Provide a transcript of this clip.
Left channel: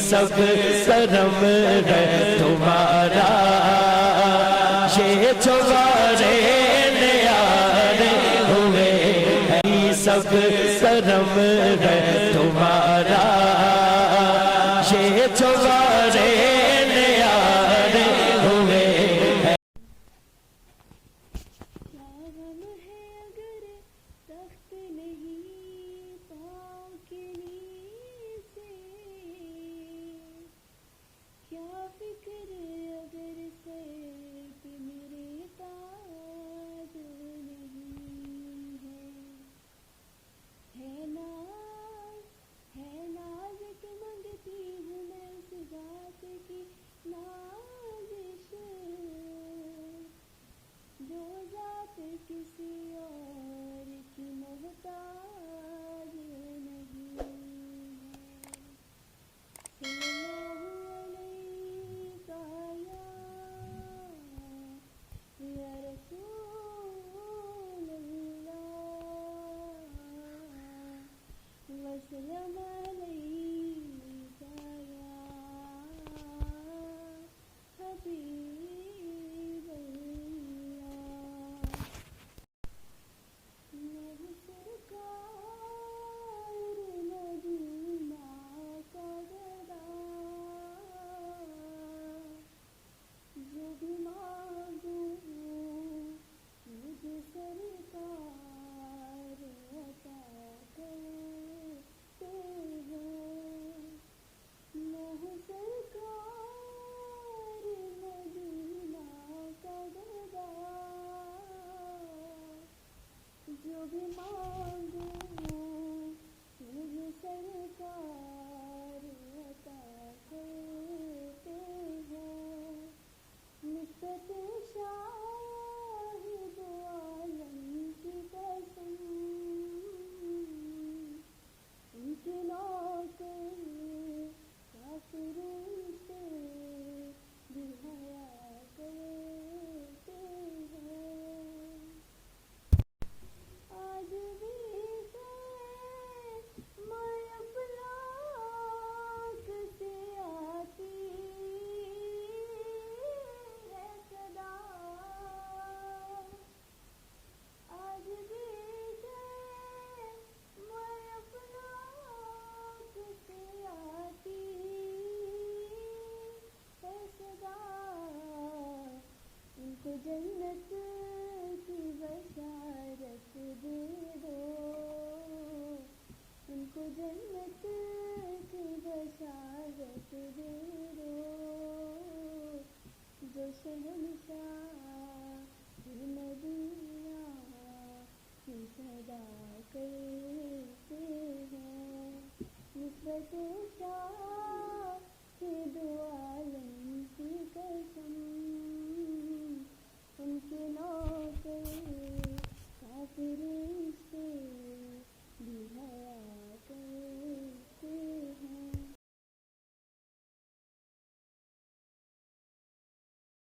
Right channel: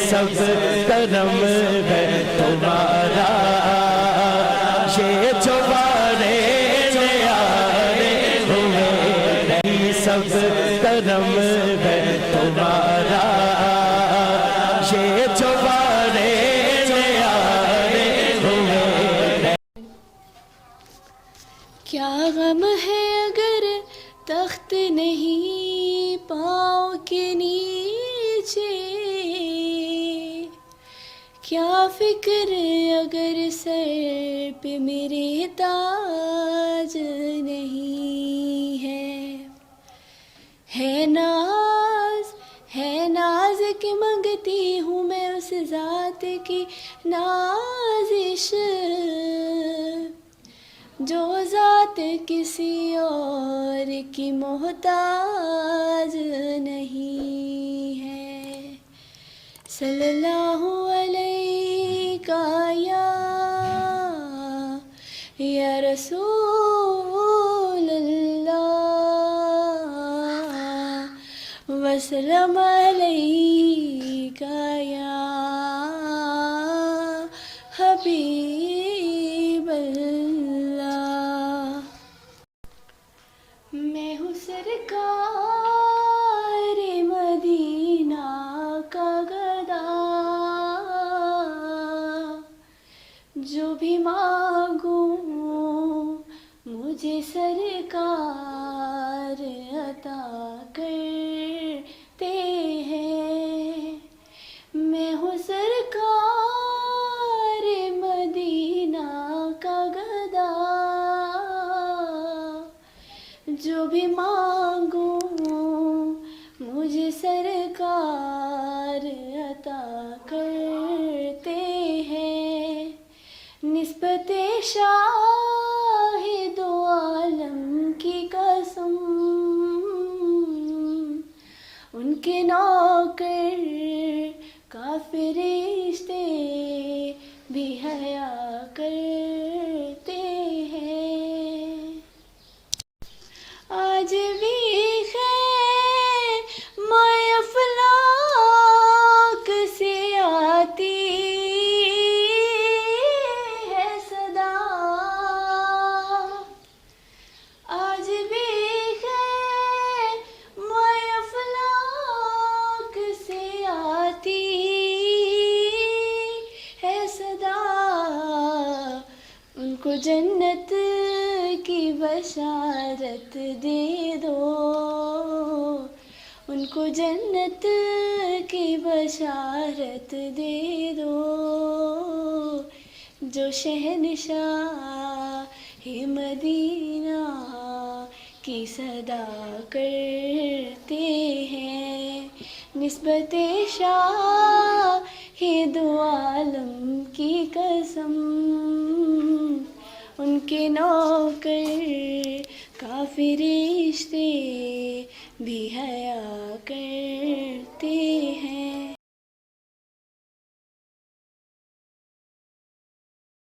سب کرم ہے تمہارا، یہ جو وارث نیارے ہوئے ہیں سب کرم ہے تمہارا، یہ جو وارث نیارے ہوئے ہیں۔ کیا غم ہے اگر تخت نہیں پاؤں کے نیچے، کیا فکر اگر سر پہ میرے تاج نہیں ہے ناز کہ منگتی ہوں میں اس ذات کی نازش، جو ذات کسی اور کی محتاج نہیں ہے۔ صلی اللہ علیہ یا رسول اللہ، وسلم علیہ یا حبیب اللہ۔ میں ہوں سرکار مدینہ کا گدا، جو بھی مانگوں مجھے سرکار عطا کرتے ہیں۔ میں ہوں سرکار مدینہ کا گدا، جو بھی مانگوں مجھے سرکار عطا کرتے ہیں۔ نسبت شاہ دو عالم کی قسم، ان کے نوکر کافر فرشتے بھی حیا کرتے ہیں۔ آج بھی خیر مائے افلاک سے آتی ہے صدا، آج بھی خیر مائے افلاک سے آتی ہے صدا، ان کو جنت کی بشارت دے دو، ان کو جنت کی بشارت دے دو، جو شہنشاہ مدینہ کی صدا کرتے ہیں۔ نسبت شاہ دو عالم کی قسم، ان کے نوکر کافر فرشتے بھی حیا کر